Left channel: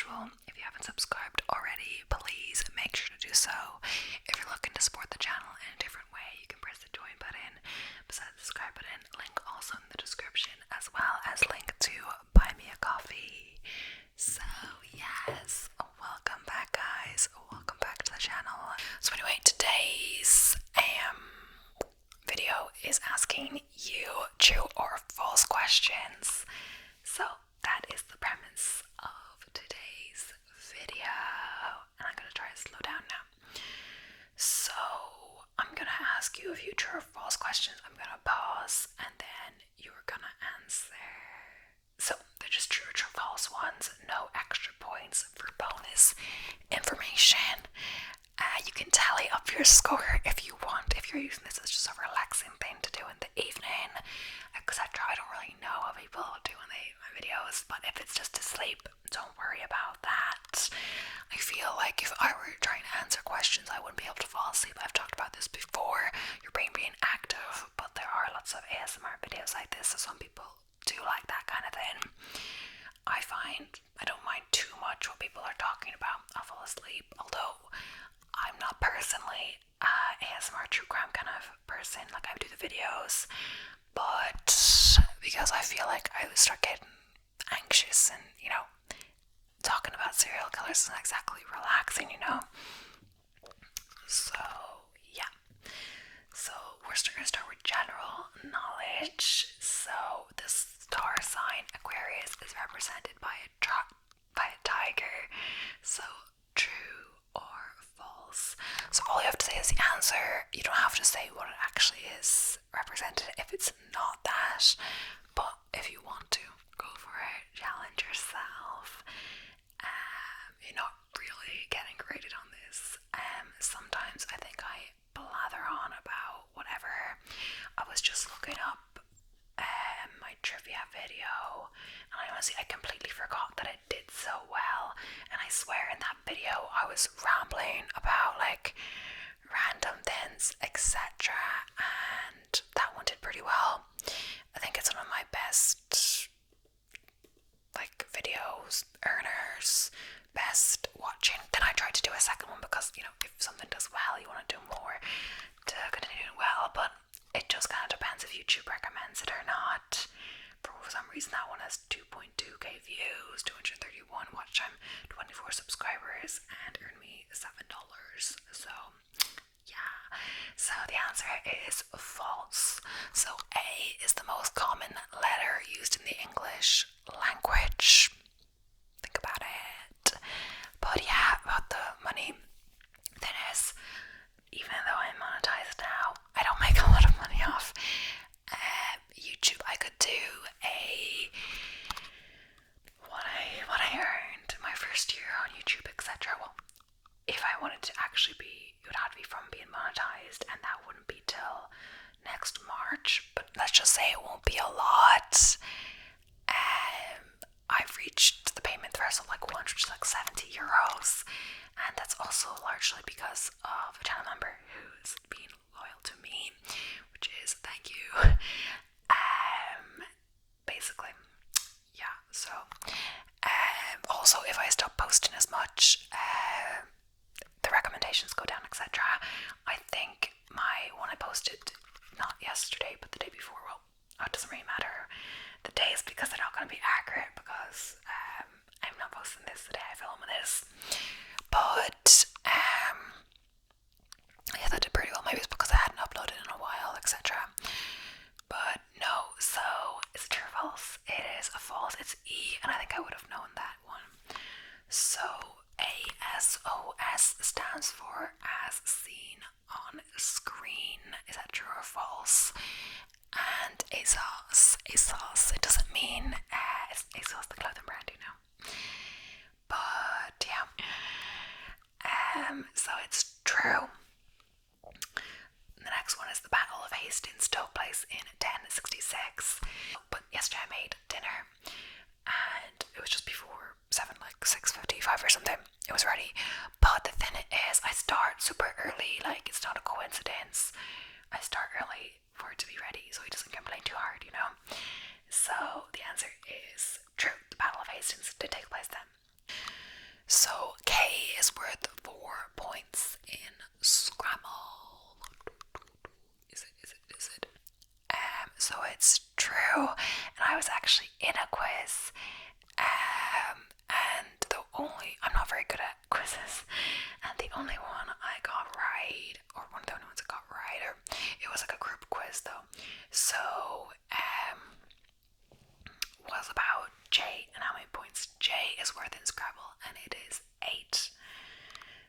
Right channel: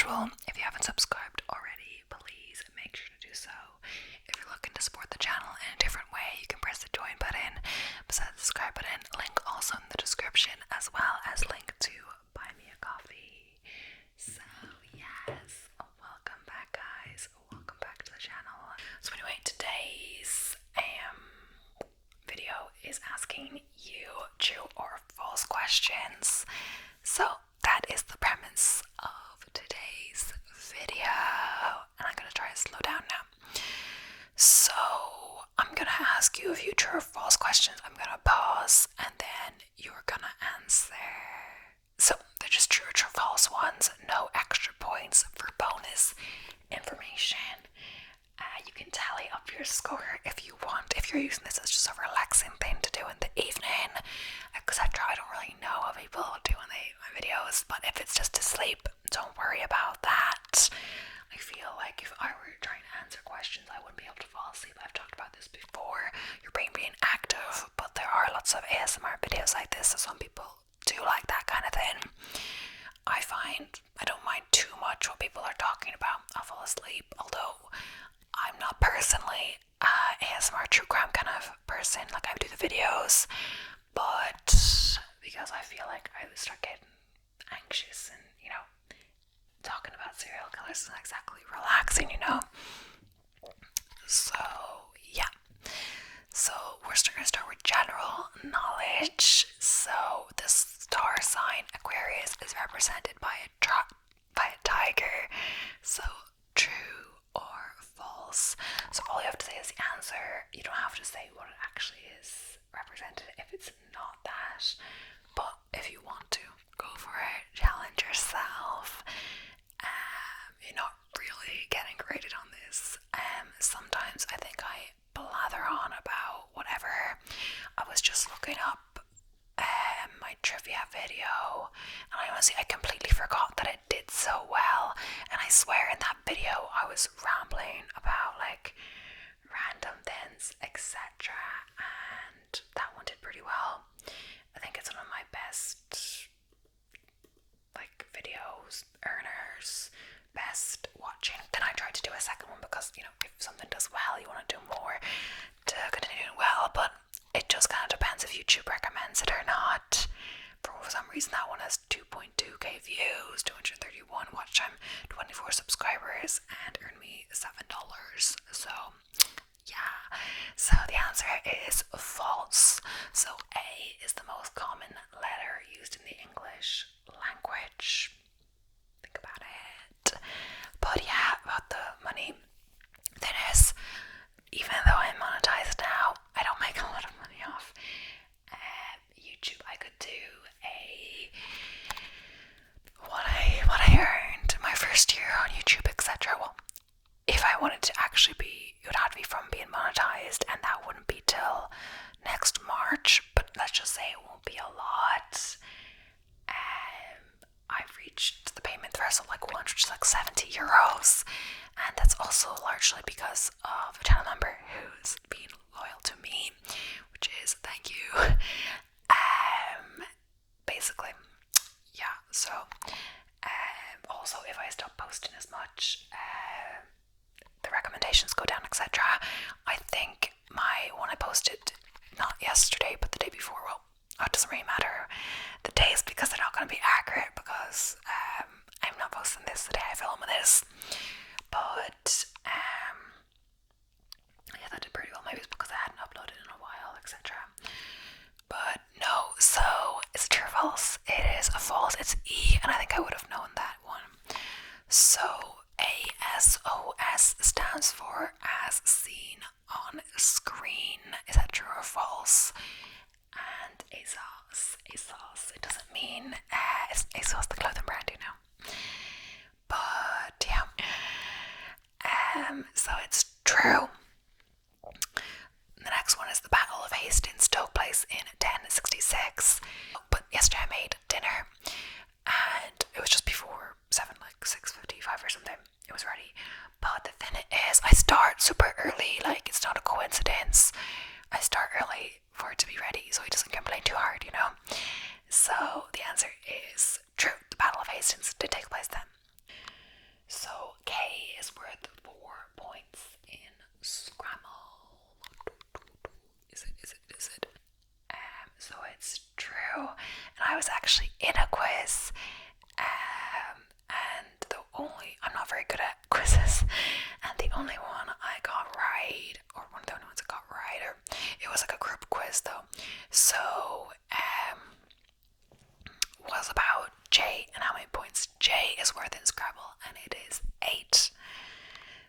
usual, if you haven't subscribed already, please make sure to do so. If you're looking to support the channel in a different way, you can press the join button beside the subscribe button, link also in the description, as well as link to buy me a coffee. So yes, welcome back guys, welcome back to the channel. So anyway, today's video is asking you true or false questions. So that is the premise of today's video, and I'm gonna try to slow down now. So I'm gonna ask you a few true or false questions. I'm gonna pause and then you're gonna answer. So they're just true or false ones, no extra points for bonus information. You can tally up your score if you want, if you're using this as just a relaxing thing to do in the evening, etc. I don't really know what people do in my videos, but if it's just to sleep, don't worry about that. I feel like if I were trying to answer questions, I wouldn't be able to fall asleep. I've talked about this before, your brain being active, but there are lots of ASMR videos like this, so some people do like that kind of thing. I find I don't mind too much what people are talking about. I'll fall asleep, although I'm not personally ASMR true crime kind of person. Like, I do the videos, but because I feel like I would start getting anxious and, talking about serial killers isn't exactly relaxing, So yeah. So we're going to start with general knowledge. So the star sign Aquarius is represented by a tiger. So true or false? So all you have to say is the answer. You don't have to say what it actually is represented if it's not that. But if you want to, go for it. Challenge yourself. You're not really getting graded on this. Sometimes I think I blather on about whatever. I was just looking up my trivia video, and I completely forgot that it did so well. And I swear in that video I was rambling about like random things, etc. And that one did pretty well. I think it's one of my best like videos, earners, best watching. Then I tried to do a second one because, if something does well, you want to do more to continue doing well, but it just kind of depends if YouTube recommends it or not. For some reason, that one has 2.2k views, 231 watch time, 24 subscribers, and earned me $7. So yeah, so the answer is false. So A is the most common letter used in the English language. Think about it. But yeah, about the money, then is, even though I'm monetized now, I don't make a lot of money off YouTube. I could do what I earned my first year on YouTube, etc. Well, if I wanted to actually be, it would have to be from being monetized, and that wouldn't be till next March. But let's just say it won't be a lot. I've reached the payment threshold like 170 euros, and that's also largely because of a channel member who's been loyal to me, which is thank you. Basically, yeah. So also, if I stop posting as much, the recommendations go down, etc. I think my one I posted not yesterday but the day before, well, it doesn't really matter the days because they're not going to be accurate, because I'm not posting this the day I film this. But yeah, that did pretty well. Maybe it's because I hadn't uploaded in a while, etc. But no, so it's true or false? It is a false. It's E, and I think I would have known that one. So ASOS stands for as seen on screen. Is that true or false? And ASOS, it doesn't mean it's ASOS the clothing brand, but yeah. So it's true. The next one is the Battle of Hastings took place in 1066. But yesterday I made dinner, and it was just before 7, like 6:55 or something. It was ready. But the thing is, I start super early. Like, it's not a coincidence. I start early for it to be ready, so he doesn't complain too hard, So the answer is true. The Battle of Hastings did take place then. it's true. And I was actually in a quiz, and I'm not very good at quizzes, and the only one I got right, or one of the only ones I got right, or it was like a group quiz though. So, was about J and how many points J is worth in Scrabble, and it is 8.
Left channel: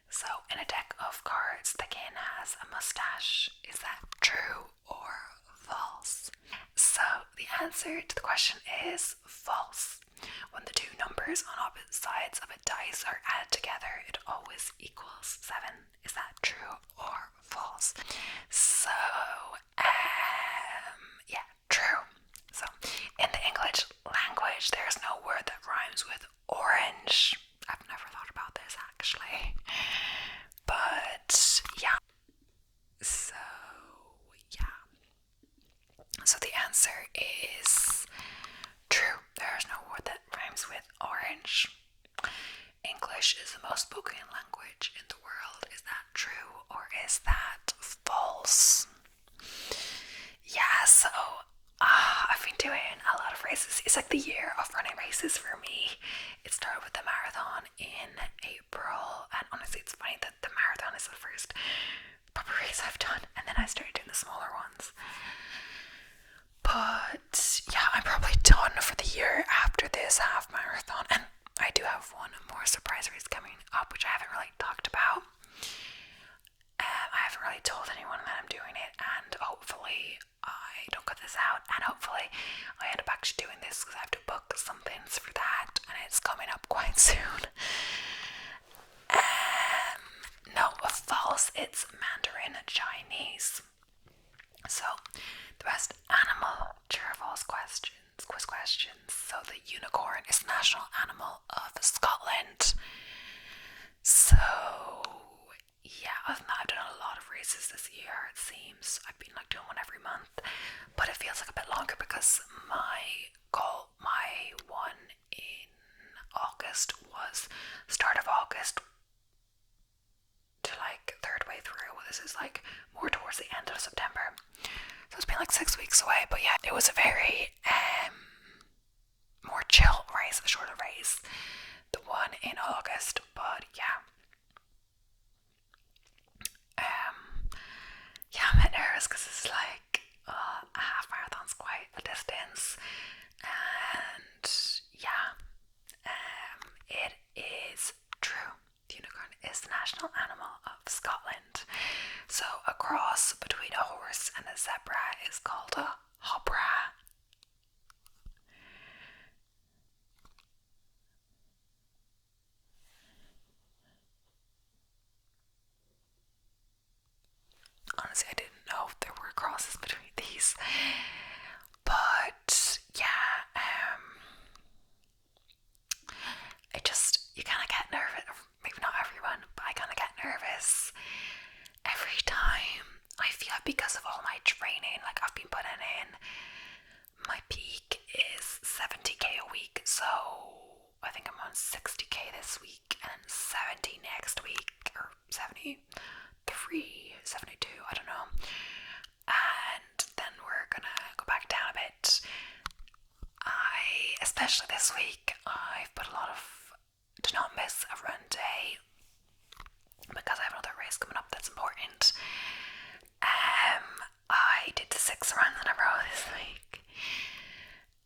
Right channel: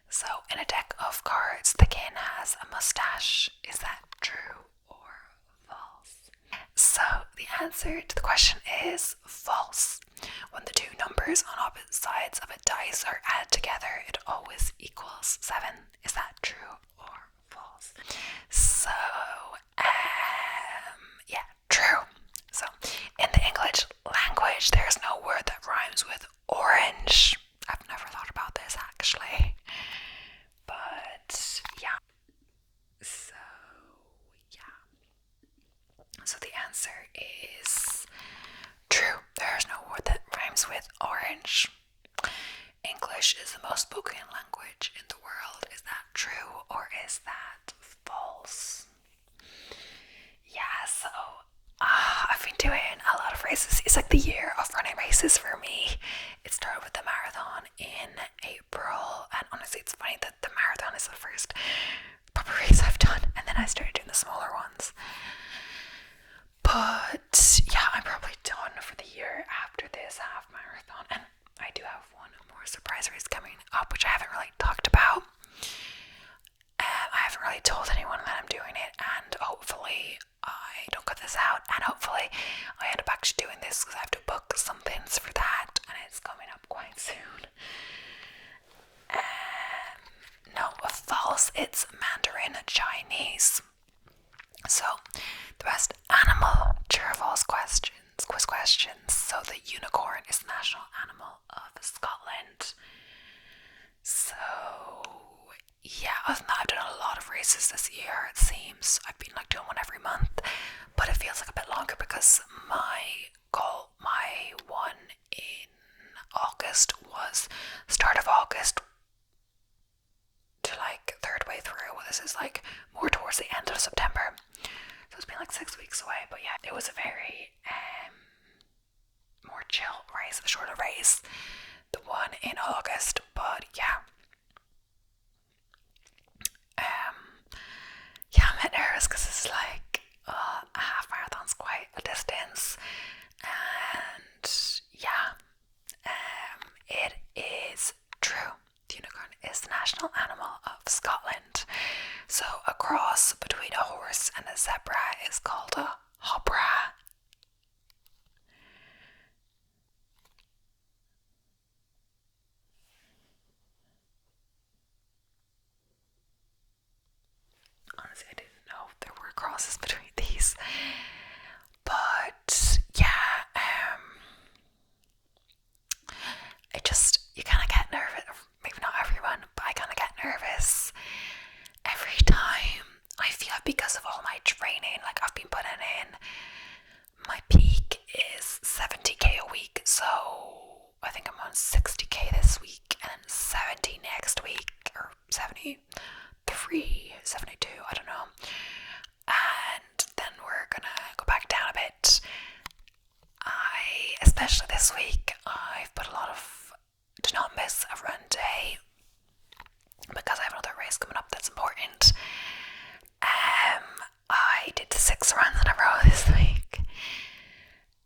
So, in a deck of cards, the king has a mustache. Is that true or false? So, the answer to the question is false. When the two numbers on opposite sides of a dice are added together, it always equals 7. Is that true or false? So, yeah, true. So, in the English language, there's no word that rhymes with orange. I've never thought about this actually. But, yeah. So, yeah. So, the answer is true. There's no word that rhymes with orange. English is the most spoken language in the world. Is that true or is that false? Yeah, so I've been doing a lot of races. It's like the year of running races for me. It started with the marathon in April, and honestly it's funny that the marathon is the first proper race I've done, and then I started doing the smaller ones. But yeah, I'm probably done for the year after this half marathon, and I do have one more surprise race coming up, which I haven't really talked about. I haven't really told anyone that I'm doing it, and hopefully I don't cut this out, and hopefully I end up actually doing this because I have to book some things for that, and it's coming up quite soon. No, false. It's Mandarin Chinese. So, the best animal true or false quiz questions. So, the unicorn is the national animal of Scotland. So, yeah, other than that, I've done a lot of races this year, it seems. I've been like doing one every month, but it feels like a bit longer because my one in August was start of August to like third way through. This is like more towards the end of September. So it's been like 6 weeks away, but yeah, it was a very more chill race, a shorter race, the one in August, but yeah. Yeah, I'm a bit nervous because it's like a half marathon's quite a distance, and yeah, it is true. The unicorn is the national animal of Scotland. So a cross between a horse and a zebra is called a hobra. Honestly, I didn't know if there were crosses between these, but yeah, you kind of get nervous. Maybe not everyone, but I kind of get nervous every time. I feel like because of all my training, like I've been putting in, my peak is 70k a week, so I think I'm on 60k this week and 70 next week, or 73, 72, I don't know, and then we're gonna go back down a bit. Especially this week, I've put a lot of do not miss a run day because I have another race coming up that's important. I did 6 runs in a row this week,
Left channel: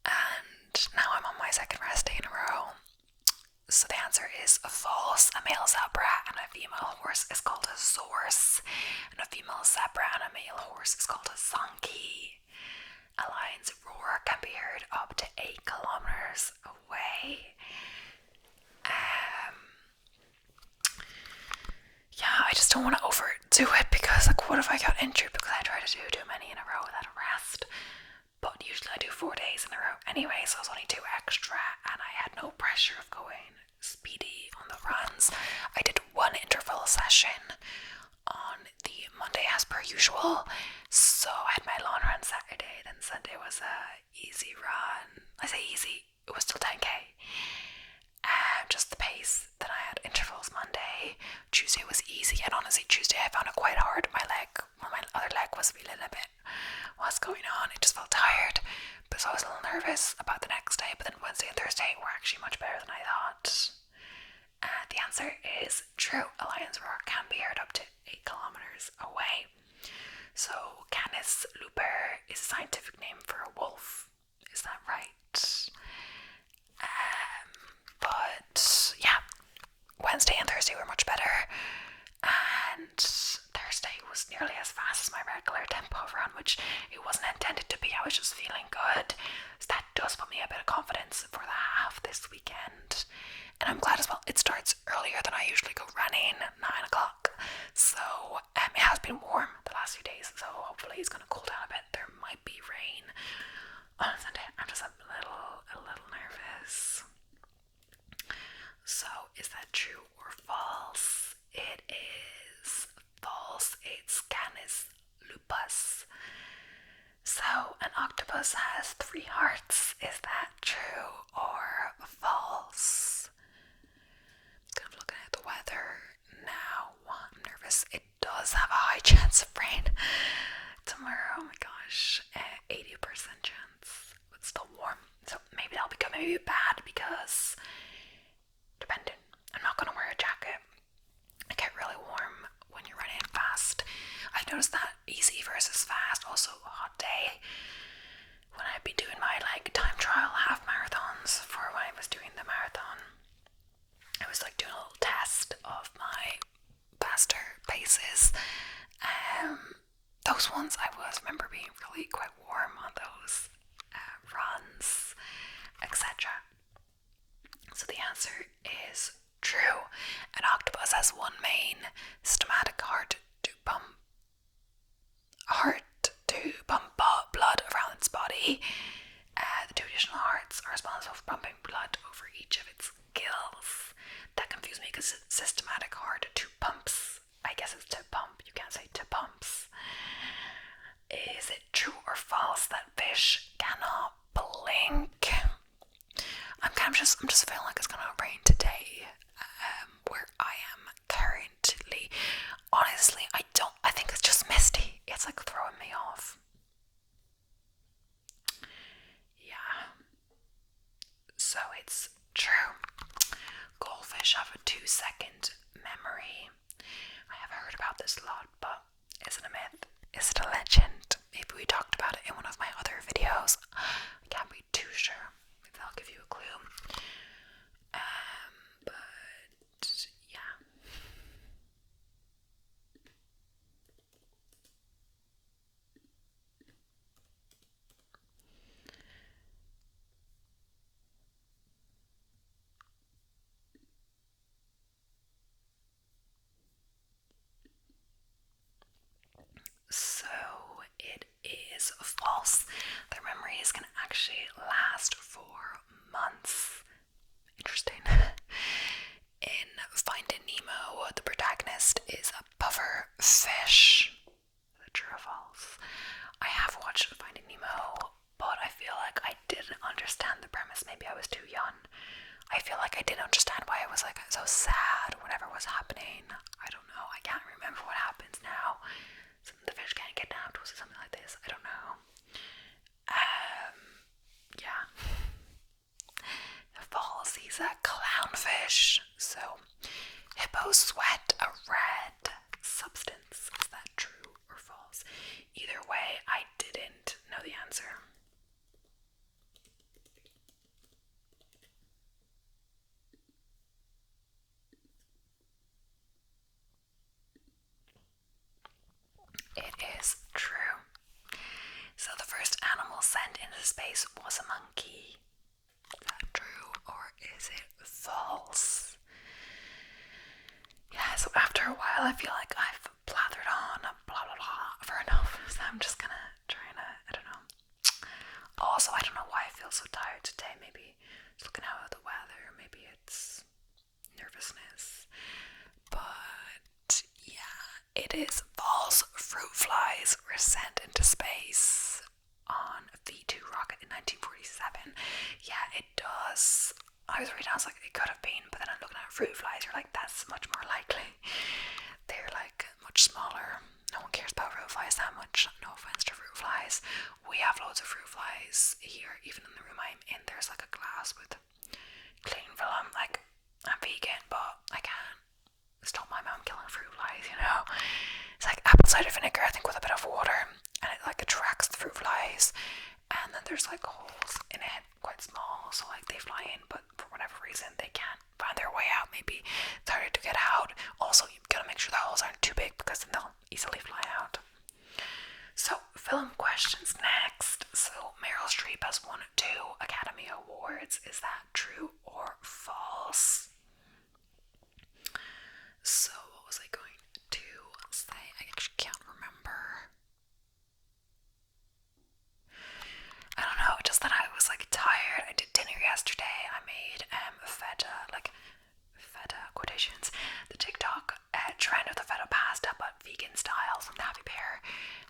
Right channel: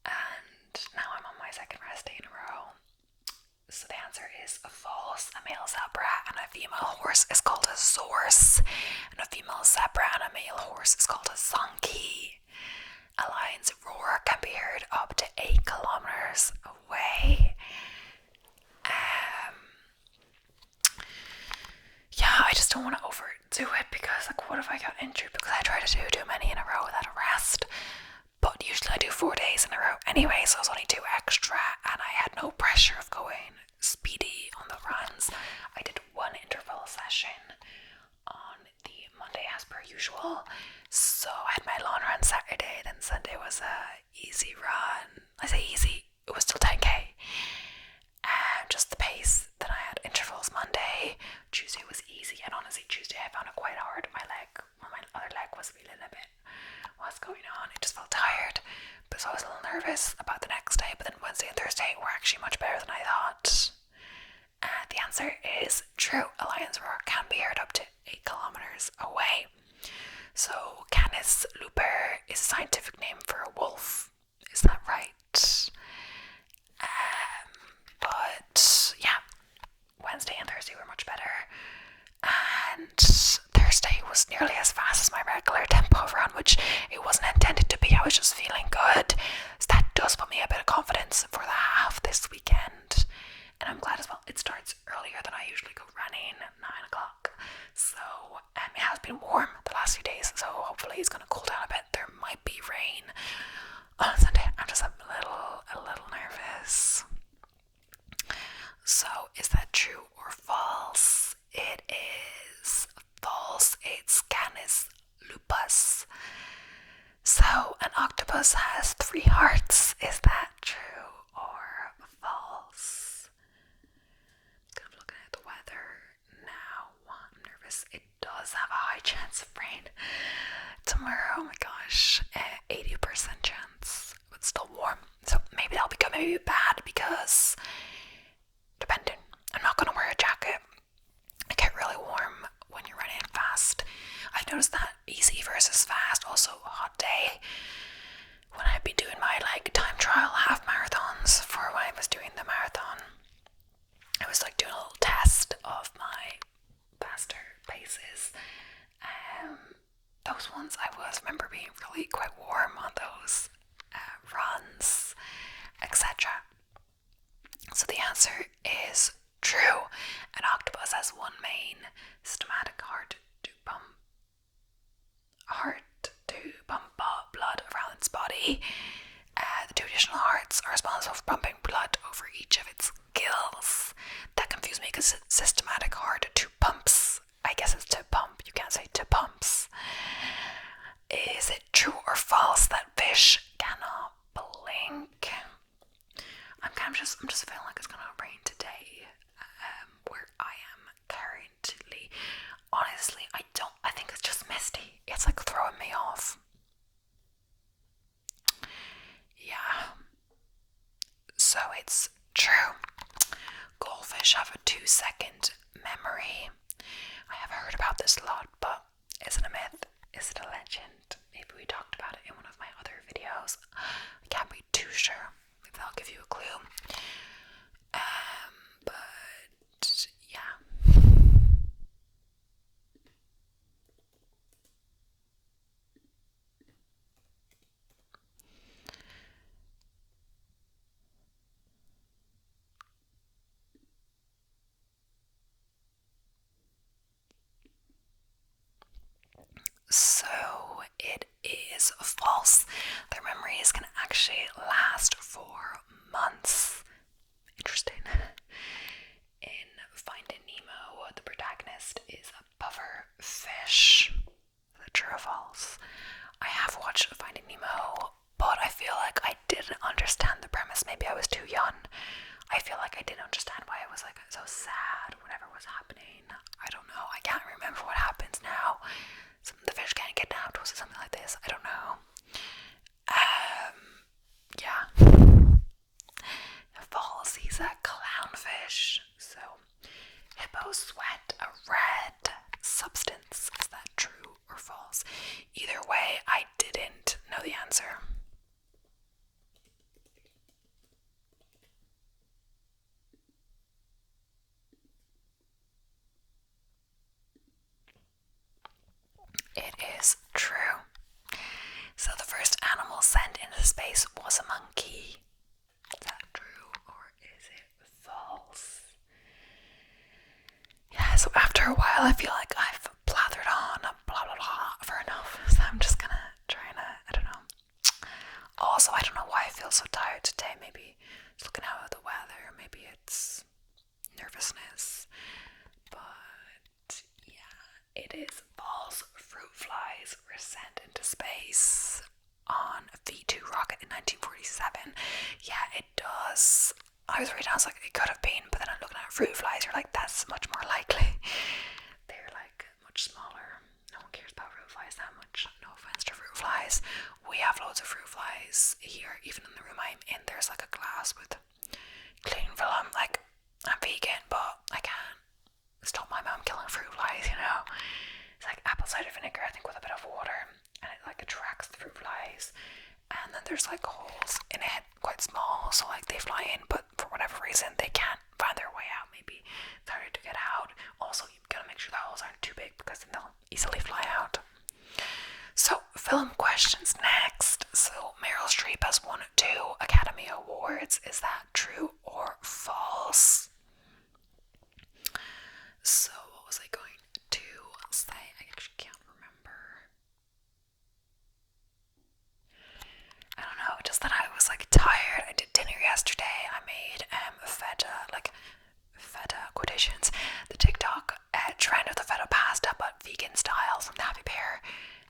and now I'm on my second rest day in a row. So the answer is false. A male zebra and a female horse is called a zorse, and a female zebra and a male horse is called a zonkey. A lion's roar can be heard up to 8 kilometers away. Yeah, I just don't want to overdo it because, like, what if I got injured because I tried to do too many in a row without a rest? But usually I do 4 days in a row anyway, so it was only 2 extra, and I had no pressure of going speedy on the runs. I did 1 interval session on the Monday as per usual, so I had my long run Saturday, then Sunday was a easy run. I say easy, it was still 10k. Just the pace. Then I had intervals Monday. Tuesday was easy, and honestly Tuesday I found it quite hard. My other leg was feeling a bit what's going on. It just felt tired. so I was a little nervous about the next day, but then Wednesday and Thursday were actually much better than I thought. And the answer is true. A lion's roar can be heard up to 8 kilometers away. So Canis lupus is a scientific name for a wolf. Is that right? But yeah, Wednesday and Thursday were much better. And Thursday was nearly as fast as my regular tempo run, which it wasn't intended to be. I was just feeling good. So that does put me a bit of confidence for the half this weekend. And I'm glad as well. It starts earlier than I usually go running, 9 o'clock. So it has been warm the last few days, so hopefully it's going to cool down a bit. There might be rain on Sunday. I'm just a little nervous. So is that true or false? It is false. It's Canis lupus. So an octopus has 3 hearts. Is that true or false? Kind of looking at the weather now. I'm nervous. It does have a high chance of rain tomorrow. Oh my gosh, 80% chance, but still warm. So maybe that'll become maybe bad because depending. I'm not gonna wear a jacket. I get really warm when you're running fast. I've noticed that easy versus fast, also a hot day. When I'd be doing my time trial half marathons for when I was doing the marathon, I was doing a little test of my faster paces. Those ones I remember being really quite warm on those runs, etc. So the answer is true. An octopus has one main systematic heart to pump blood around its body. The 2 additional hearts are responsible for pumping blood over each of its gills. That confused me because systematic heart, 2 pumps. I guess it's to pump. You can't say to pumps. Is it true or false that fish cannot blink? I'm just feeling like it's gonna rain today, where I am currently. Honestly, I think it's just misty. It's throwing me off. Yeah. So it's true. Goldfish have a 2-second memory. I have heard about this a lot, but is it a myth? Is it a legend? Maybe we talked about it in one of my other videos. I can't be too sure. Maybe I'll give you a clue. But yeah. So it is false. Their memories can actually last for months. Interesting. In Finding Nemo, the protagonist is a puffer fish. Is that true or false? I have watched Finding Nemo, but I feel like I didn't understand the premise. Maybe I was too young. I feel like I didn't understand why it was so sad whatever was happening. I don't know. I can't remember what happens now. The fish can't get kidnapped. Was it something like this? I don't know. Yeah. False. He's a clownfish. So, hippos sweat a red substance. Is that true or false? Either way, I didn't know the answer. It is true. So the first animal sent into space was a monkey. Is that true or is it false? Yeah, so after a while I feel like I've blathered on blah blah blah for enough. So I'm just gonna I don't know. Also, I don't know why I feel so tired today. Maybe it's looking out at the weather, maybe it's nervousness. But yeah, it is false. Fruit flies were sent into space on a V2 rocket in 1947. Yeah, it does. I was reading, I was like, it could have been, but then I'm looking at fruit flies, you're like, that's much more likely. They're much smaller. No one cares about fruit flies that much. No offense to fruit flies. We have loads of fruit flies here, even in the room I'm in, there's like a glass with clean film. Like, I'm vegan, but I can't stop my mum killing fruit flies, you know. It's like apple cider vinegar, I think, with a bit of water, and it like attracts the fruit flies. And then there's like holes in it, quite small, so like they fly in, but for whatever reason they can't find their way out. Maybe it's harder to get out. Also, you've got to make sure the holes aren't too big because then they'll easily fly out. So, film questions next. So, Meryl Streep has won 2 Academy Awards. Is that true or false? So, what was I going to say? I actually can't remember. I don't know, just that I was like tired. I did dinner yesterday. I made feta quotations, the TikTok trend of the feta pasta but vegan style from the Happy Pear,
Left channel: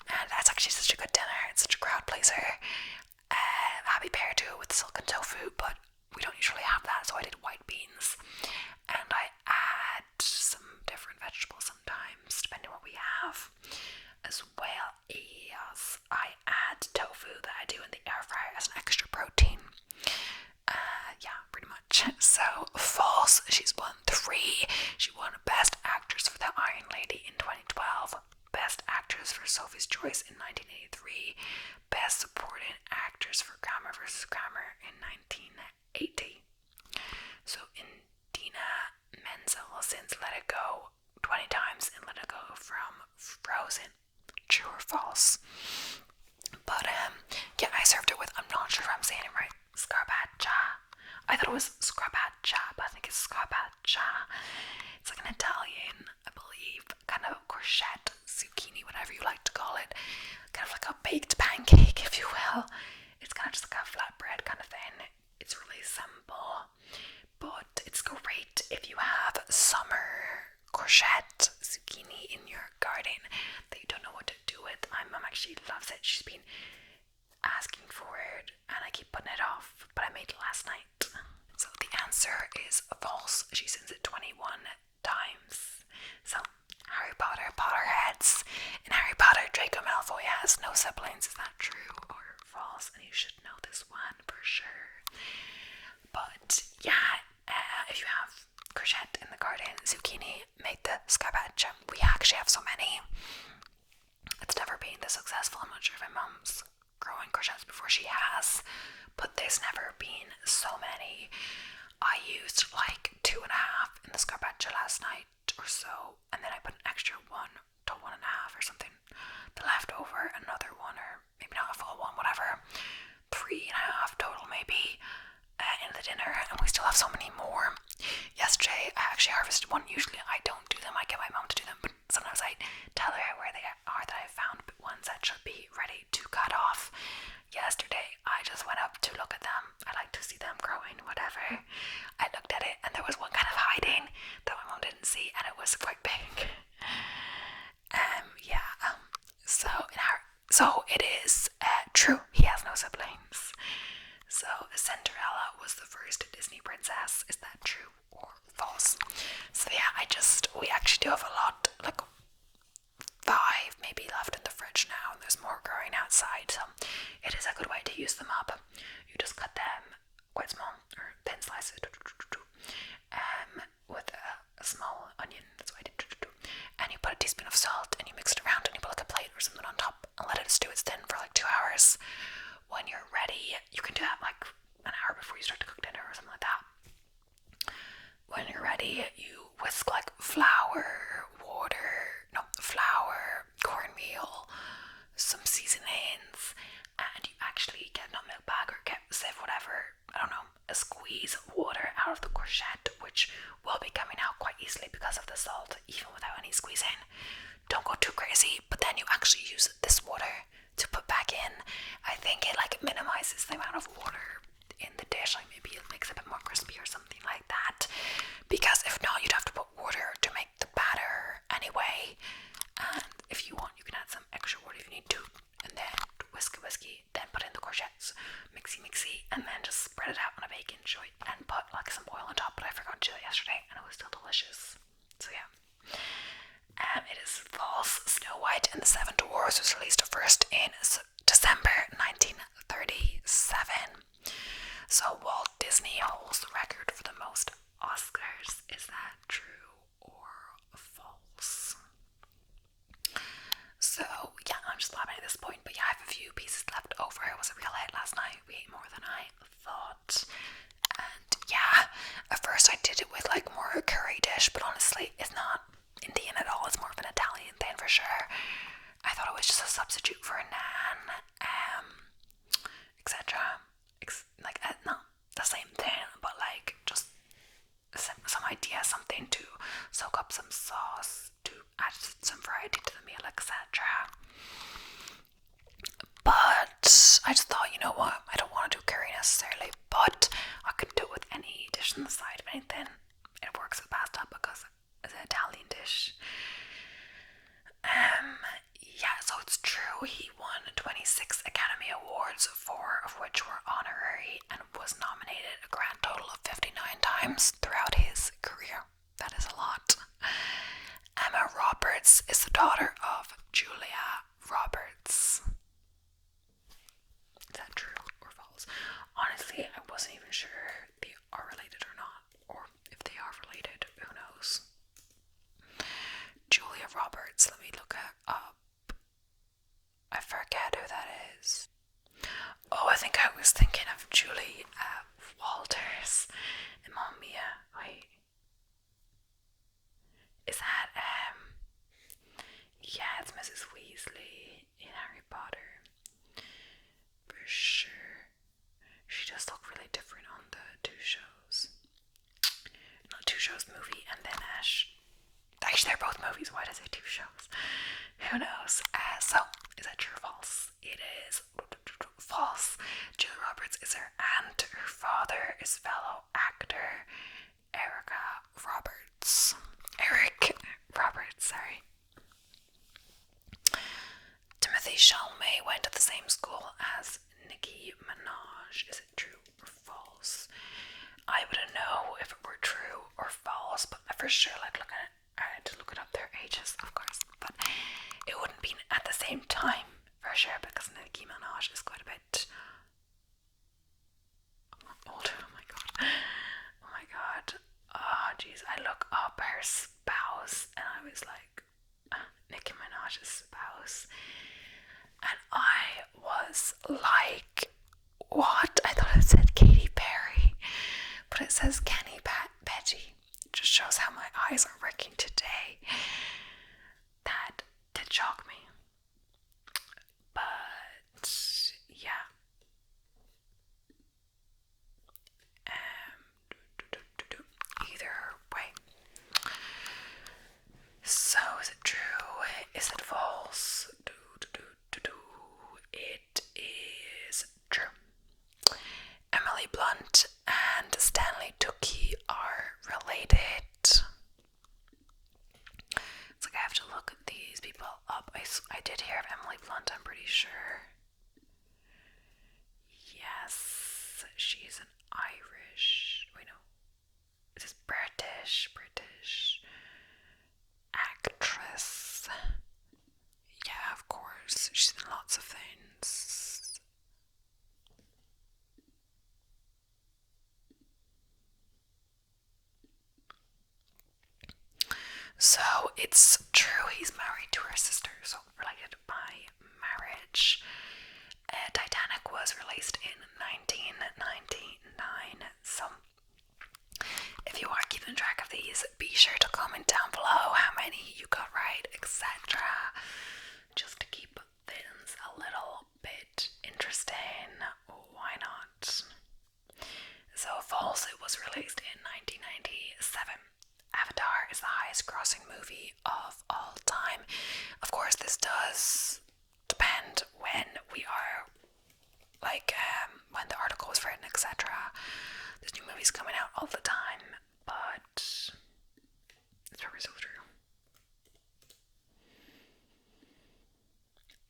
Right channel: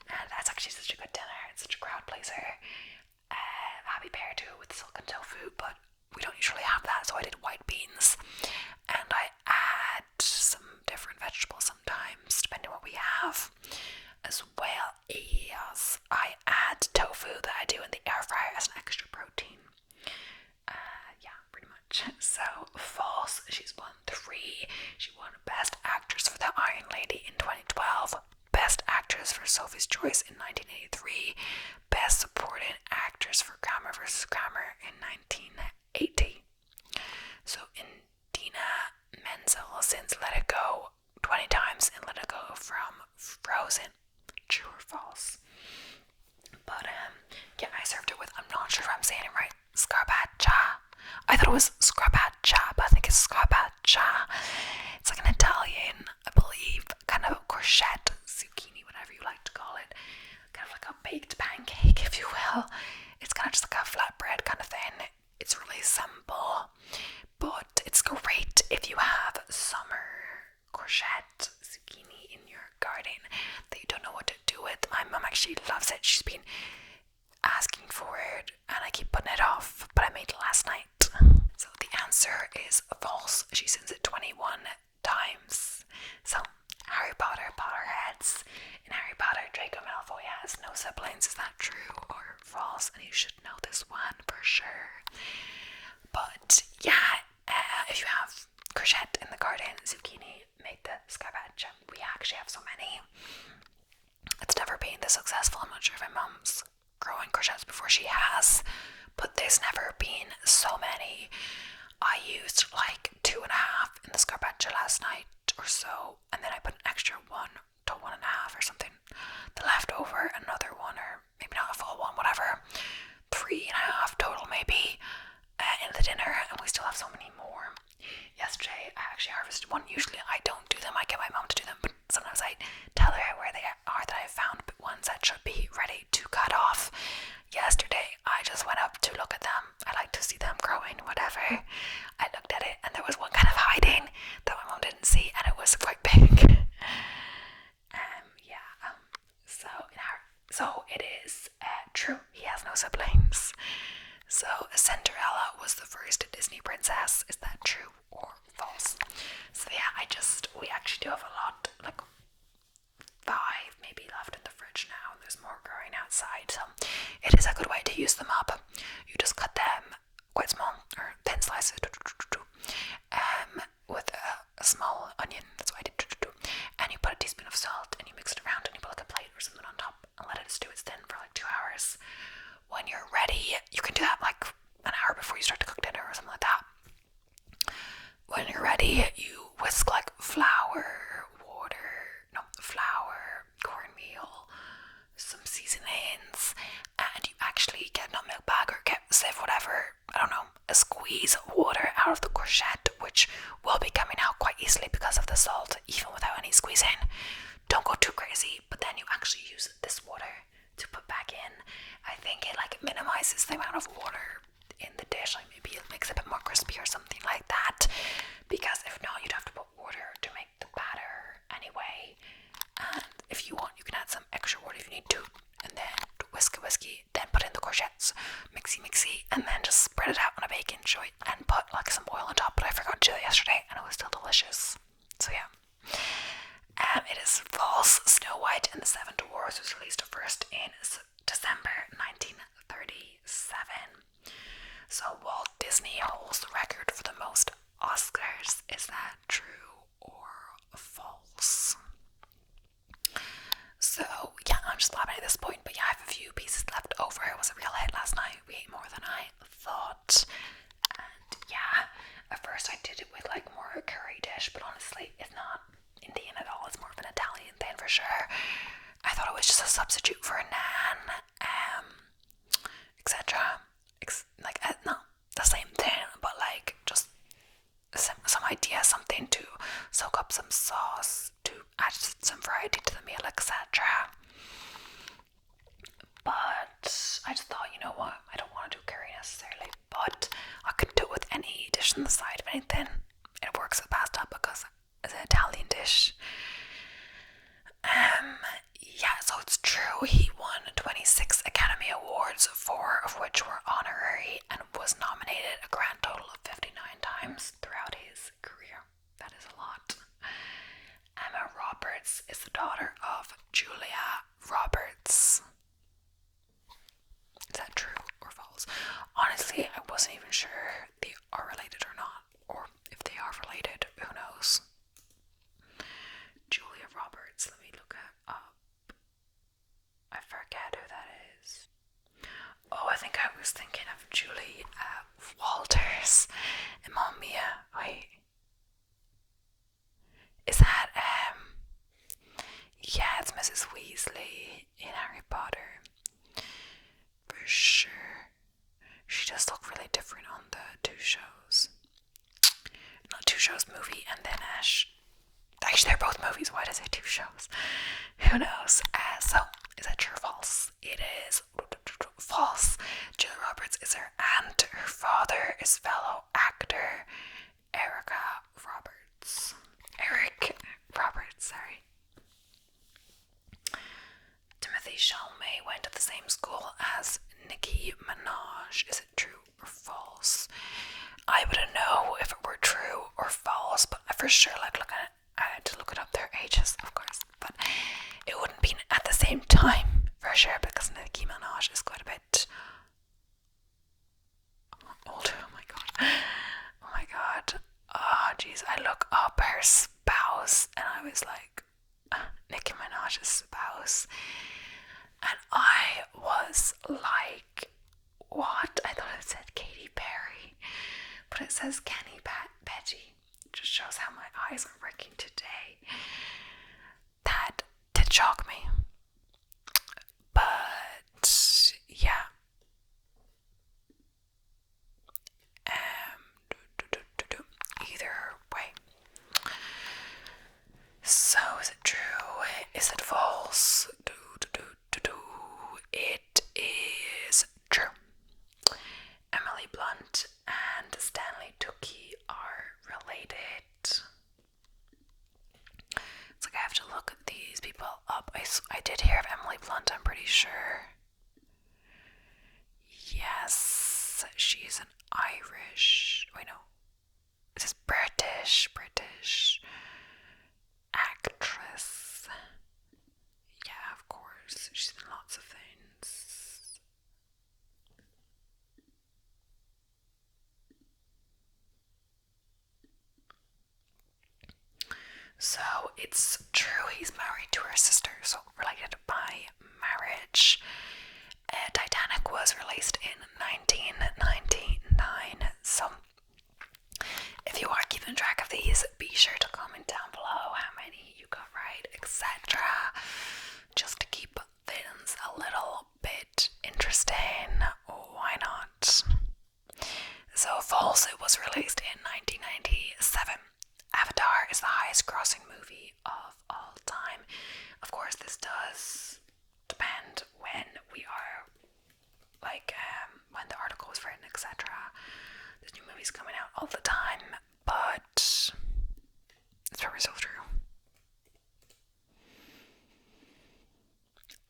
and that's actually such a good dinner. It's such a crowd pleaser. Happy Pear too with silken tofu, but we don't usually have that, so I did white beans, and I add some different vegetables sometimes depending on what we have as well. Yes, I add tofu that I do in the air fryer as an extra protein. Yeah, pretty much. So, false. She's won 3. She won Best Actress for The Iron Lady in 2012, Best Actress for Sophie's Choice in 1983, Best Supporting Actress for Kramer vs. Kramer in 1980. So, Idina Menzel since Let It Go 20 times in Let It Go from Frozen. True or false? But yeah, I served it with, I'm not sure if I'm saying it right, scarpaccia. I thought it was scarpaccia, but I think it's scarpaccia. It's like an Italian, I believe, kind of courgette, zucchini, whatever you like to call it. Kind of like a baked pancake, if you will. It's kind of just like a flatbread kind of thing. It's really simple, but it's great if you have summer courgette, zucchini in your garden that you don't know what to do with. My mum actually loves it. She's been asking for it and I keep putting it off, but I made it last night. So the answer is false. She sends it 21 times. So Harry Potter, Potterheads. In Harry Potter, Draco Malfoy has no siblings. Is that true or false? And you should know this one for sure. But yeah, if you have courgette in the garden, zucchini, make the scarpaccia. We actually have so many. It's never been this successful. I'm not sure if my mum's growing courgettes before she has, but there's never been so many. I used like 2.5 in the scarpaccia last night or so, and then I put an extra 1 to 1.5 or something. The leftover, another 1, or maybe not a full 1, whatever. 3.5 total maybe in the dinner, and we still have so many more. Yesterday I actually harvested 1. Usually I don't do them, I get my mom to do them, but sometimes I tell her where they are that I found ones that should be ready to cut off. Yesterday I just went up to look at them. I like to see them growing, whatever. I looked at it and there was one kind of hiding that my mom didn't see, and it was quite big. So it is true, he has no siblings. So Cinderella was the first Disney princess. Is that true or false? So yeah, we actually do have a lot, like 5 maybe left in the fridge now, and there's more growing outside, so it is a good way to use them up. You just cut them quite small, or thin slices, with a small onion, that's what I did, and you put a teaspoon of salt, and you mix it around, and you put like a plate or something on top, and let it stew its thin for like 2 hours. When you're ready, you can do that like an hour before you start to cook dinner or something like that. When you're ready, you whisk like flour, cornmeal, some seasonings, and you actually get a milk bag or get sieve, whatever, I don't know, a squeeze of water out of the courgette, which will be coming out quite easily because of the salt, even without any squeezing. Don't go too crazy, but then you actually use this water to put back in. I think it like minimizes the amount of water in the dish, like maybe it makes it a bit more crispy or something like that, because if not, you'd have to put water to make the batter anyway. And if you want, you can add some extra water if you need to, and then whiskey, then put in the courgettes, mixy, and then just spread it out on a baking sheet and put like some oil on top. But I forgot to do it yesterday, and it was still delicious. So yeah. It is false. Snow White and the Seven Dwarfs was released first in December 1937. Disney holds the record for the most Oscars. Is that true or false? So yeah, I'm just laughing at this point, but yeah, I have a few pieces left over. It was a real hit last night. We ate more than I thought. And yeah, at first I did it with like more a curry dish, but honestly it's not Indian at all. It's more of an Italian thing for sure. I thought it was just a substitute for a naan, etc. Not the same thing, but like just some idea, something to soak up some sauce, to add some variety to the meal, etc. But I just thought, you know what, I don't want to do curry necessarily, but I could do it with any dish on the side of anything. It works with pasta because it's an Italian dish. Yeah, so it's true. He won 26 Academy Awards, 4 of which were honorary, and was nominated a grand total of 59 times throughout his career. That is a lot. Emma Roberts is the daughter of Julia Roberts. Is that true or false? Honestly, I wasn't even sure they are related or not, or if they are related, who knows. Julia Roberts, let me look it up. I forget who that is. Oh, I think I was thinking of Julie Walters and Mamma Mia. Wait. Is that, yeah, it's Mrs. Weasley in Harry Potter. For sure. She does look really different on the two shows. Not two shows, movie and then Ash. Actually, they're both movies. Why does it two shows? Who knows? So, is that true or false? It is false. Julia Roberts is her aunt. Her father is fellow actor Eric Roberts, sorry. Timothy Chalamet went to the same school as Nicki Minaj. Is it true or false? I wouldn't know if it were true or false, but I for sure like looking at it. I had to look it up their ages, of course, but it wouldn't be at the same time for sure because Nicki Minaj is quite a bit older. Oh my god. Oh jeez, I look up her spouse and I was like, Nicki Minaj's spouse, and I was like, what? I thought it said Katy Perry, but it says Kenny Petty. Just shows how my eyes are working today. That did shock me. But yeah. Either way. So is it true? Is it false? It is true. Emily Blunt and Stanley Tucci are related. It's like I have to look these people up. I did hear of Emily Blunt, I'm pretty sure. Yes, she's an Irish. Wait, no. This is British actress. Yeah, of course. She's in lots of things. So it's true he's married to her sister, so related by marriage. Titanic was released in 1999, so if you are keeping track of these, be sure to comment down below how many you got right, etc. Just to keep things a little bit interesting. Why not? So false, it was released in 1997. Avatar is the highest grossing movie of all time. Of course, this does depend when we are, like, when the article was written, etc. There's new movies coming out all the time, but it's probably still true.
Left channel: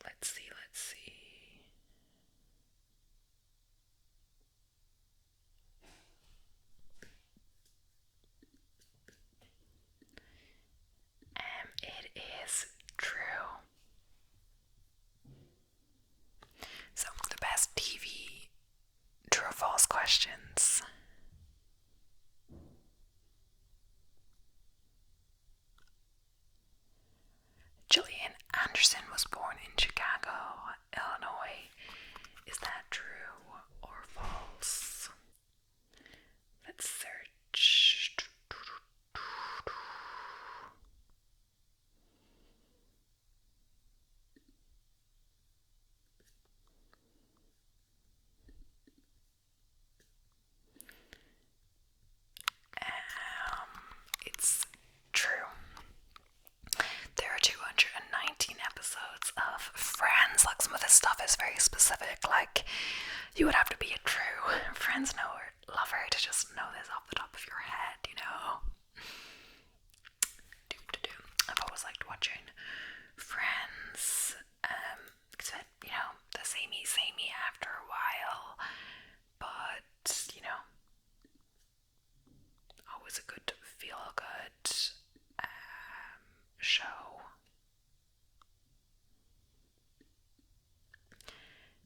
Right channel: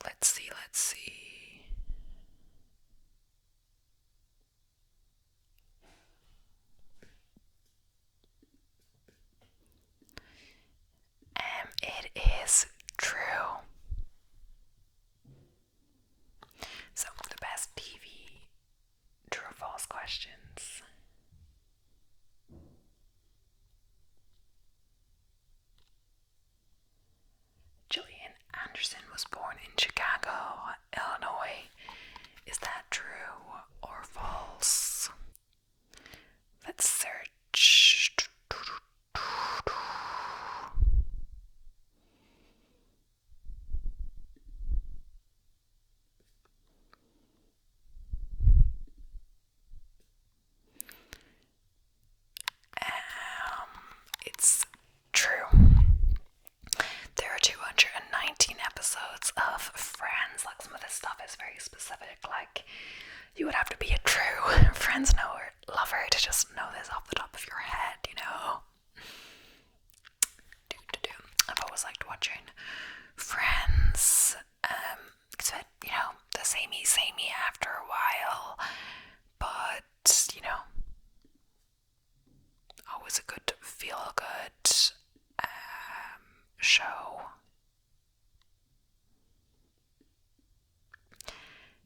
Let's see. It is true. So, the best TV true or false questions. this stuff is very specific. Like, you would have to be a true Friends lover to just know this off the top of your head, you know. I've always liked watching Friends. It's a bit, you know, the samey after a while, but you know, always a good feel good show.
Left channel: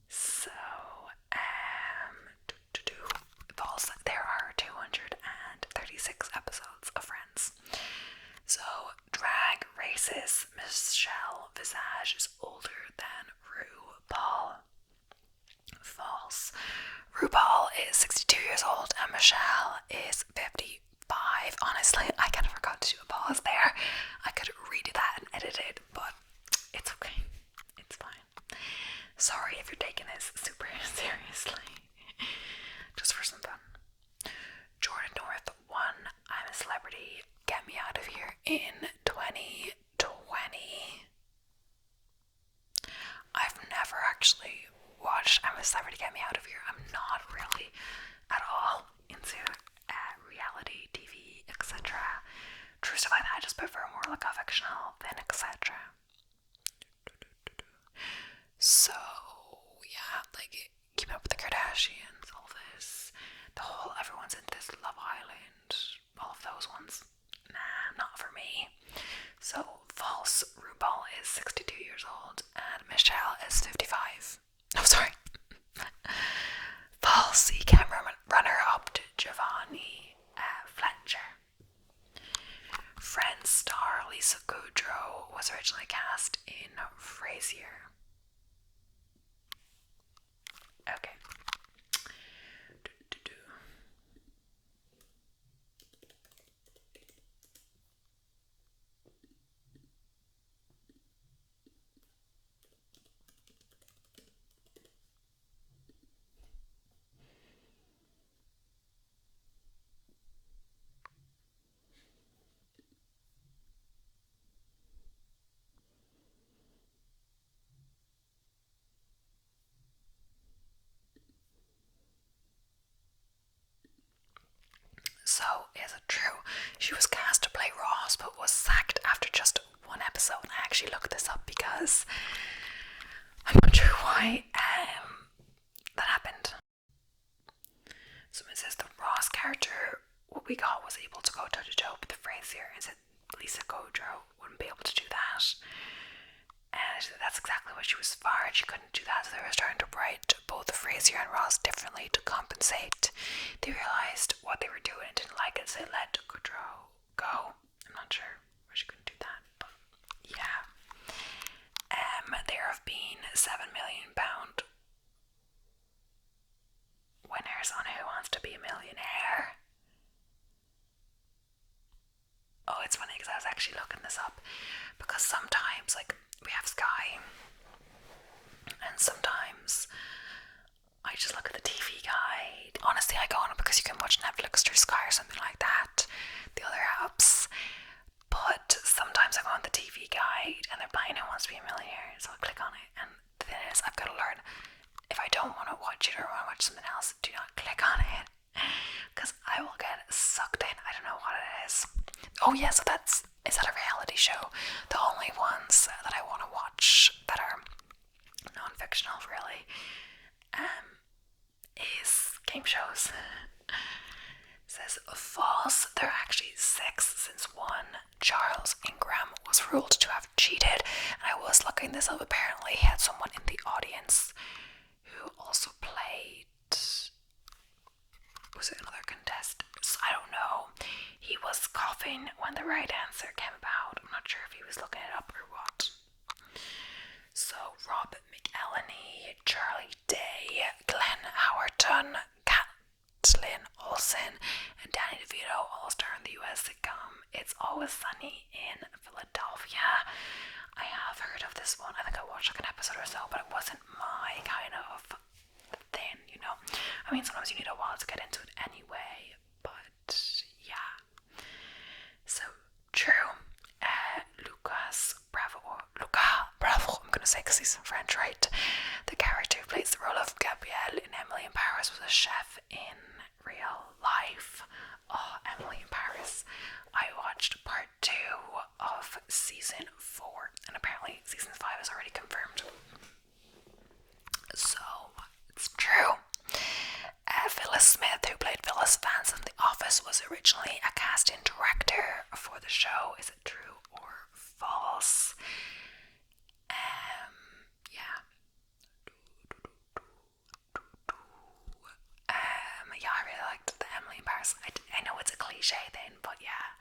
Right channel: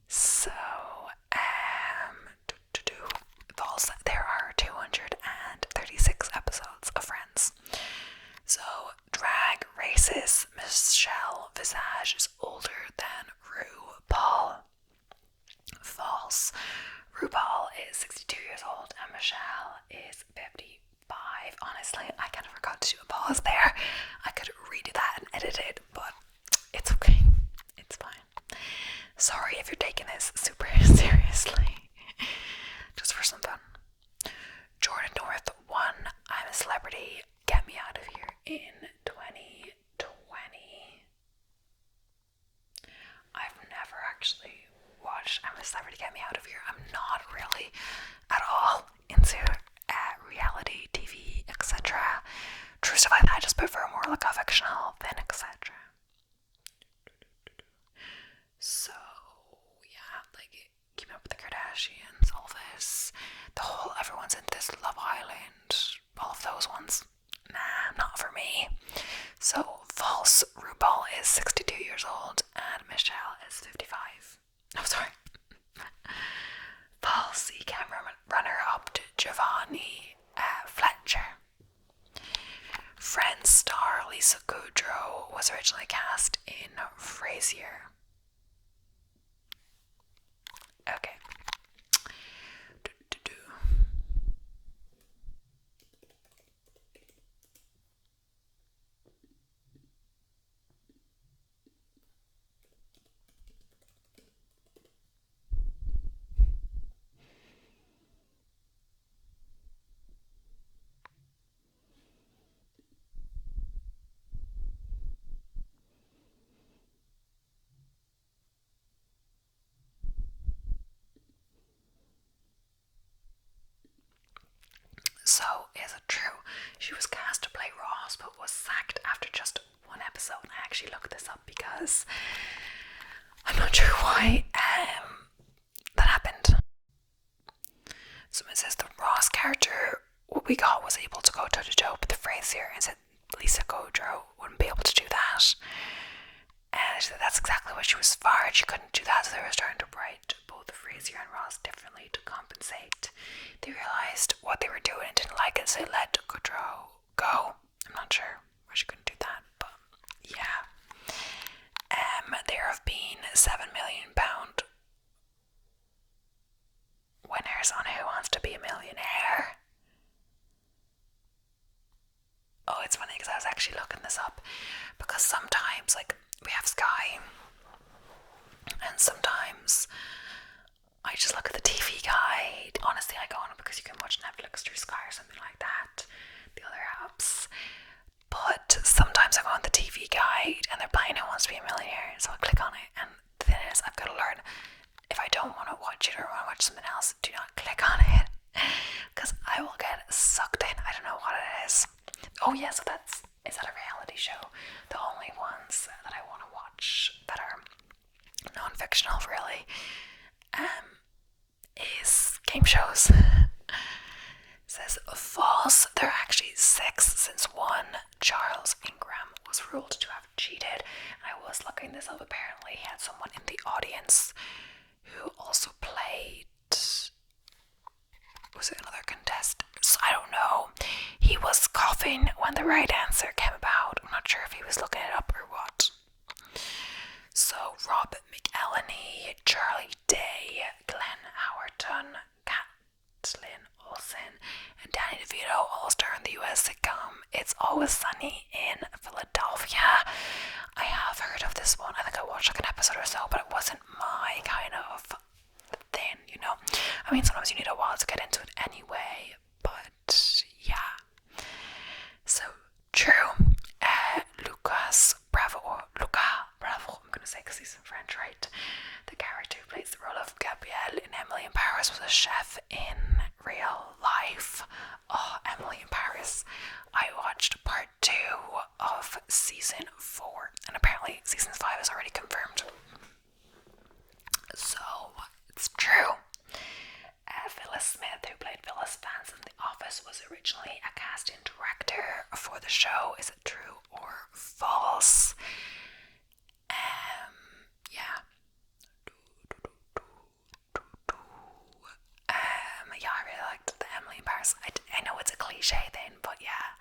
So, there are 236 episodes of Friends. So, Drag Race's Michelle Visage is older than RuPaul. False. RuPaul is 62 years old and Michelle is 55. Honestly, I kind of forgot to do a pause there. I could redo that and edit it, but it's okay. It's fine. Sorry if you're taking this super seriously. Just for some fun. Jordan North won I'm a Celebrity, Get Me Out of Here in 2020. I've never actually watched I'm a Celebrity, Get Me Out of Here. I'm not really at all into reality TV, etc. True stuff like that. I just prefer more like a fictional than etc. So yeah, like Keeping Up with the Kardashians, all this, the whole everyone's into this Love Island, all of those ones. Nah, not for me. So false. RuPaul is 62 years old and Michelle is 55. Oh, sorry. False. He came runner-up to Giovanni Fletcher. Friends star Lisa Kudrow was originally cast in Frasier. Okay. So, is it true? She was cast to play Ross, but was sacked after just one episode. And I actually looked this up because I'm not sure why that happened. So it says the Ross character, what we got, was able to go toe to toe with the Frasier, and said Lisa Kudrow wouldn't be able to do that. And that's exactly what she was fired. She couldn't do that, so they were starting to write both Frasier and Ross differently to compensate. They realised what they were doing and didn't like it, so they let Kudrow go. I'm not sure why she couldn't do that, but yeah. There have been £7 million winners on Who Wants to Be a Millionaire. Oh, it's funny because I was actually looking this up, because sometimes, like, we have Sky, and sometimes I just look at the TV guide. Honestly, I go on it because you can watch Netflix through Sky or something like that, the other apps. But sometimes I go on the TV guide and they're playing Who Wants to Be a Millionaire, so I'll click on it, and the thing is, I've got to learn, if I don't want to watch it or want to watch something else, do not click on it, because I will get sucked in. I don't know what it is. Oh yeah, so is that a reality show? The only ones that I want to watch that are non-fictional, really, is game shows. It says false. There are actually 6 since one, Charles Ingram, was ruled to have cheated. And I was looking this up. Apparently, he had someone in the audience who also played. Was it another contestant? I don't know. He was coughing when the right answer came about. I'm not sure if he was looking it up or what. So, Rob McElhenney, Charlie Day, Glenn Howerton, Kathleen Olsen, and Danny DeVito all star in the US sitcom It's Always Sunny in Philadelphia. I have heard of this one. I think I watched like an episode or so, but it wasn't my kind of thing, you know. I mean, sometimes you need a while to get into it anyway, but yeah. So, true. Luca Bravo, I'm gonna because he's French, right? The character who plays the role of Gabrielle in Emily in Paris was a chef in real life. Oh, Emily in Paris. I watched part 2 of season 4, and apparently season 5 is already confirmed. So, it's true. Phyllis Smith, who played Phyllis Vance in The Office, was originally a casting director for the show. Is it true or false? Yeah. Yeah, I really liked the Emily in Paris. I know it's a cliche thing, but yeah.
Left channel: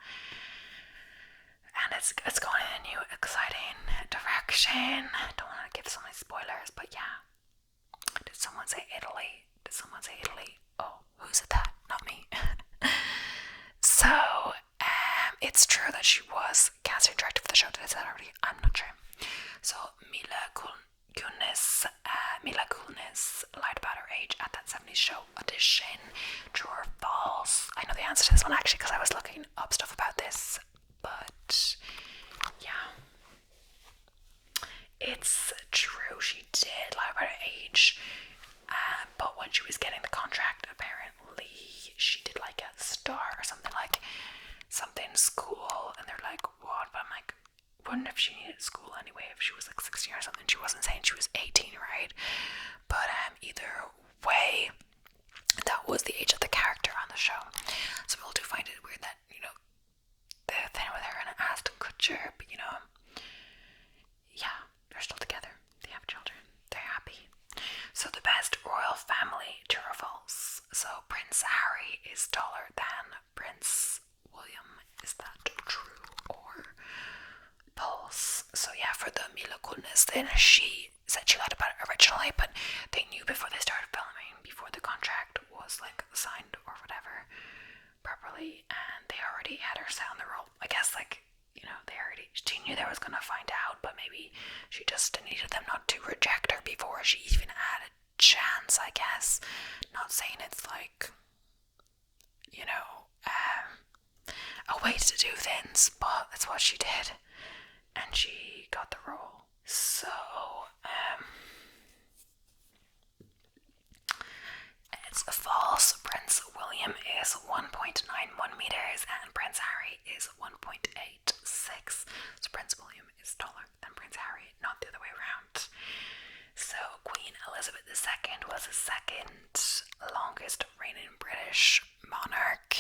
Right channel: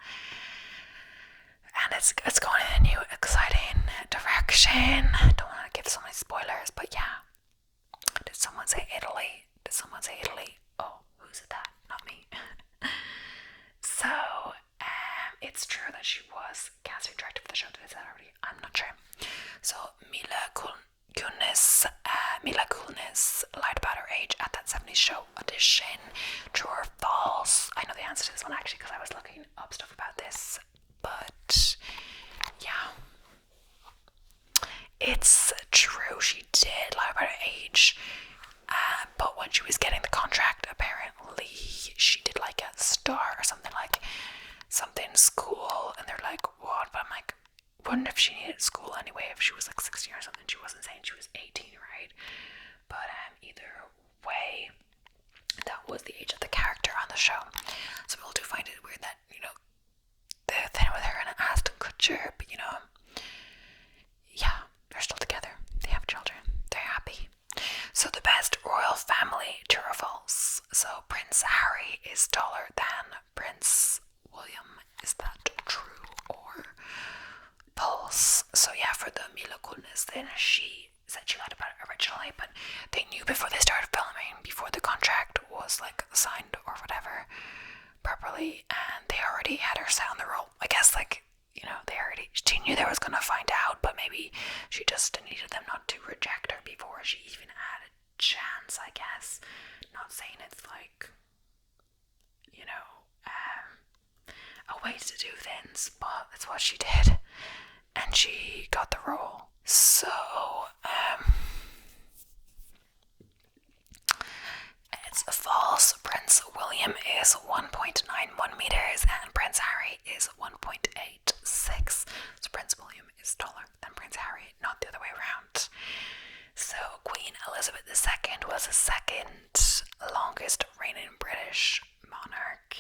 And it's going in a new, exciting direction. I don't want to give so many spoilers, but yeah. Did someone say Italy? Oh, who said that? Not me. So, it's true that she was casting director for the show. Did I say that already? I'm not sure. So, Mila Kunis lied about her age at that 70s show audition. True or false? I know the answer to this one actually because I was looking up stuff about this. But, yeah. It's true, she did lie about her age. But when she was getting the contract, apparently she did like a star or something school, and they're like, what? But I'm like, wouldn't if she needed school anyway if she was like 16 or something? She wasn't saying she was 18, right? But either way, that was the age of the character on the show. So people do find it weird that, the thing with her and Ashton Kutcher, but yeah, they're still together. They have children. They're happy. So the best royal family, true or false? So Prince Harry is taller than Prince William. Is that true or false? So yeah, for the Mila Kunis, then she said she lied about it originally, but they knew before they started filming, before the contract was like signed or whatever properly, and they already had her set on the role. I guess she knew they was gonna find out, but maybe she just needed them not to reject her before she even had a chance, I guess. Not saying it's like, a way to do things, but that's what she did, and she got the role. So, it's false. Prince William is 1.91 meters and Prince Harry is 1.86. So Prince William is taller than Prince Harry, not the other way around. So Queen Elizabeth II was the second longest reigning British monarch.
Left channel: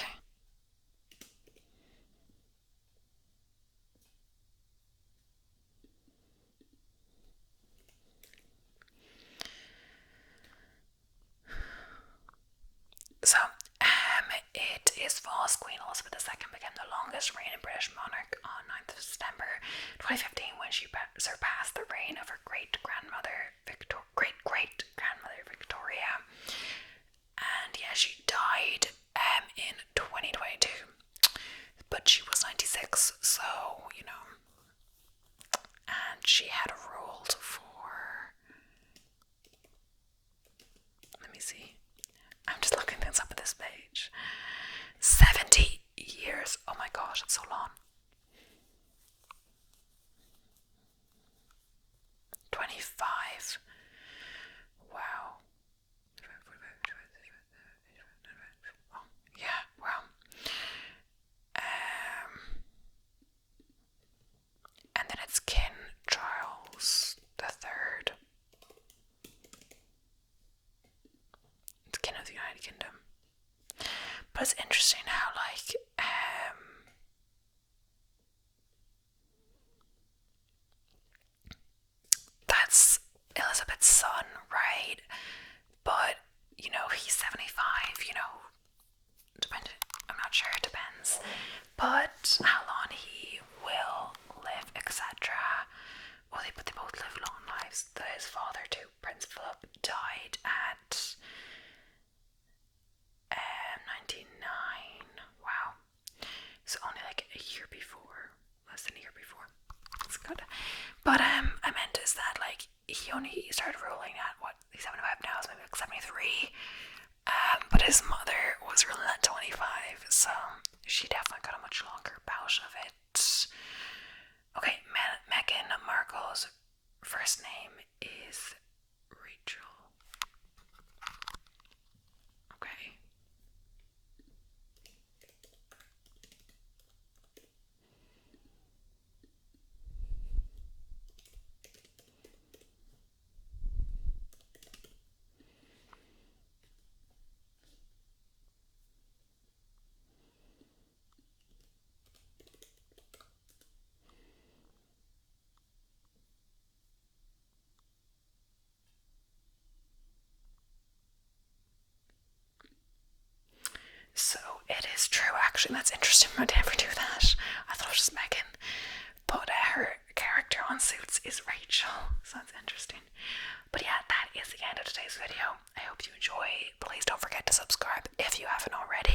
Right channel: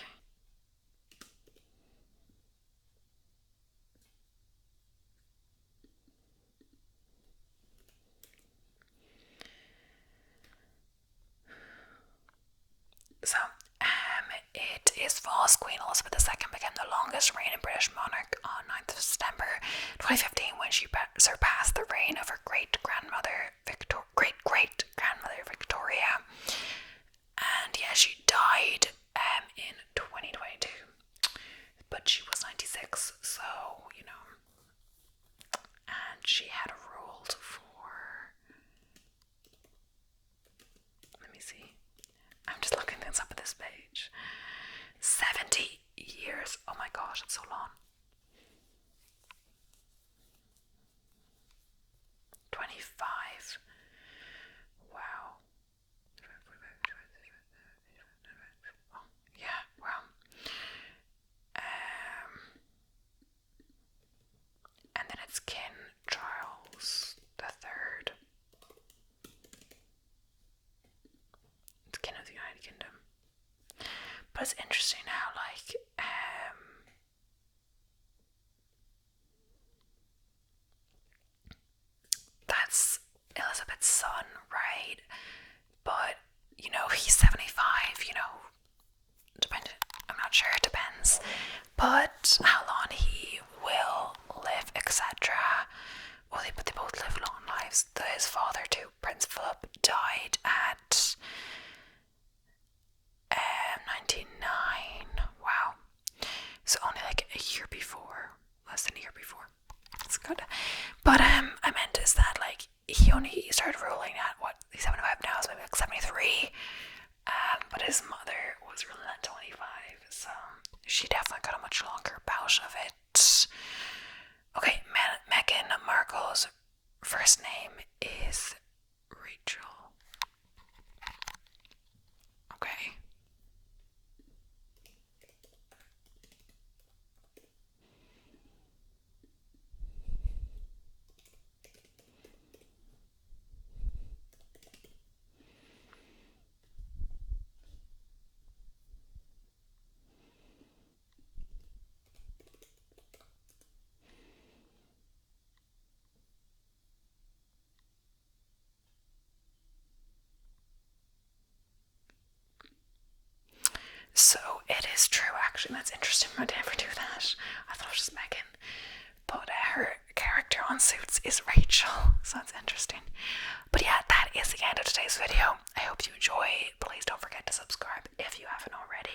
So, it is false. Queen Elizabeth II became the longest reigning British monarch on 9th of September 2015 when she surpassed the reign of her great-grandmother Victoria. And yeah, she died in 2022. But she was 96, so, and she had ruled for, let me see, I'm just looking things up at this page. 70 years. Oh my gosh, it's so long. 25. Wow. Oh, yeah, wow. And then it's King Charles III. It's King of the United Kingdom. But it's interesting how, that's Elizabeth's son, right? But, he's 75, depending, I'm not sure, it depends. But how long he will live, etc. Well, they both live long lives. His father too, Prince Philip, died at 99. Wow. So only like a year before, less than a year before. That's good. But I meant is that he only started ruling at he's 75 now, so maybe like 73. But his mother was ruling at 25, so she definitely got a much longer bout of it. Okay, Meghan Markle's first name is true, actually. That's interesting. I would never do that. I thought it was Megan. But her character on Suits is Rachel, so that's interesting. But yeah, that is the end of today's video. I hope you enjoy. Please don't forget to subscribe if you haven't already.